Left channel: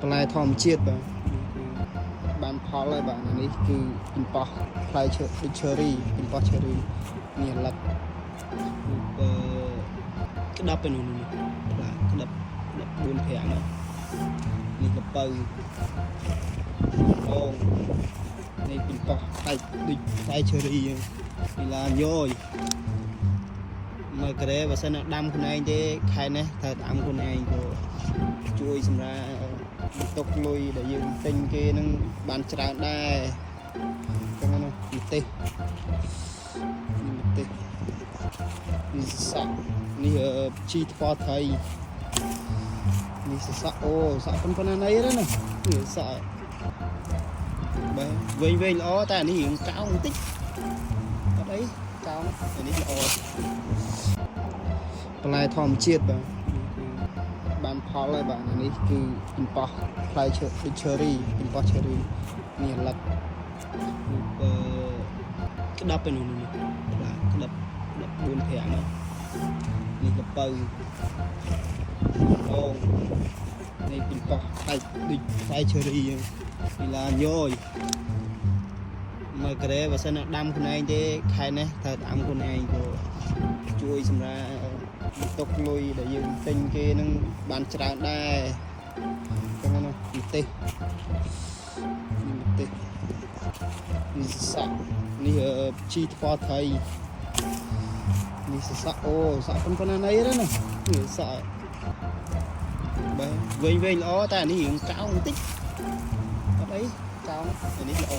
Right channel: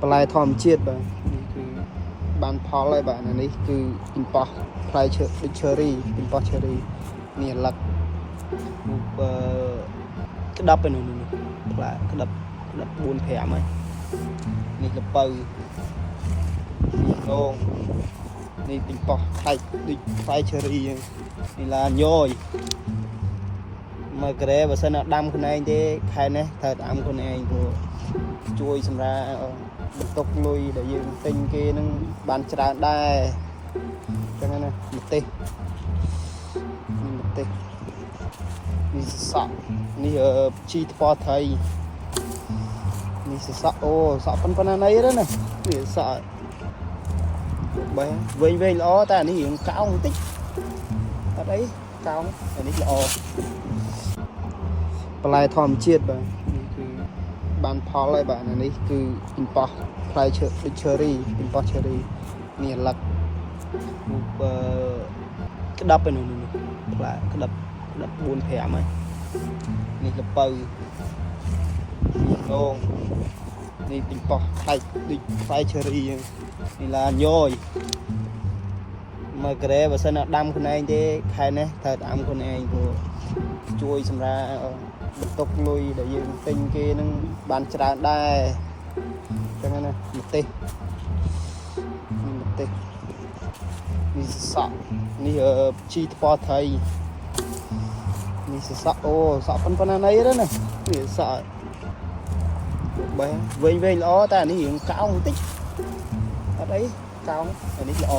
បន្លែធម្មជាតិបាទគឺបានផលហើយបាទអានេះគឺពីប៉ោះផ្លែឈើដូច cherry ពីប៉ោះ cherry នេះអាឡឹកក្តាប់ឯនោះនេះផ្លែក្តាប់4 5ហើយនេះល្ពៅអូងនេះពីប៉ោះផ្លែដូចផ្លែ cherry ហ្នឹងនេះឡាញយមកក្រែបើសិនដាំខ្លួនឯងទេខែនេះត្រូវដាំខ្លួនឯងព្រោះជួយសម្រាប់បន្ទុកលុយដែលយើងទិញគេនឹងបានច្រើនដែរអញ្ចឹងណាម្ទេសនេះសក់នេះជីថ្ពាល់ត្រីនេះសក់អូសក់ប៉ុណ្ណាណីទេណានេះសក់បែវែងល្អតែអានេះរៀងកោងបន្តិចអត់អីកោងអានេះល្អបន្លែធម្មជាតិបាទគឺបានផលហើយបាទអានេះគឺពីប៉ោះផ្លែឈើដូច cherry ពីប៉ោះ cherry នេះអាឡឹកក្តាប់ឯនោះនេះផ្លែក្តាប់4 5ហើយនេះល្ពៅអូងនេះពីប៉ោះផ្លែដូចផ្លែ cherry ហ្នឹងនេះឡាញយមកក្រែបើសិនដាំខ្លួនឯងទេខែនេះត្រូវដាំខ្លួនឯងព្រោះជួយសម្រាប់បន្ទុកលុយដែលយើងទិញគេនឹងបានច្រើនដែរអញ្ចឹងណាម្ទេសនេះសក់នេះជីថ្ពាល់ត្រីនេះសក់អូសក់ប៉ុណ្ណាណីទេណានេះសក់បែវែងល្អតែអានេះរៀងកោងបន្តិចអត់អីកោងអានេះល្អ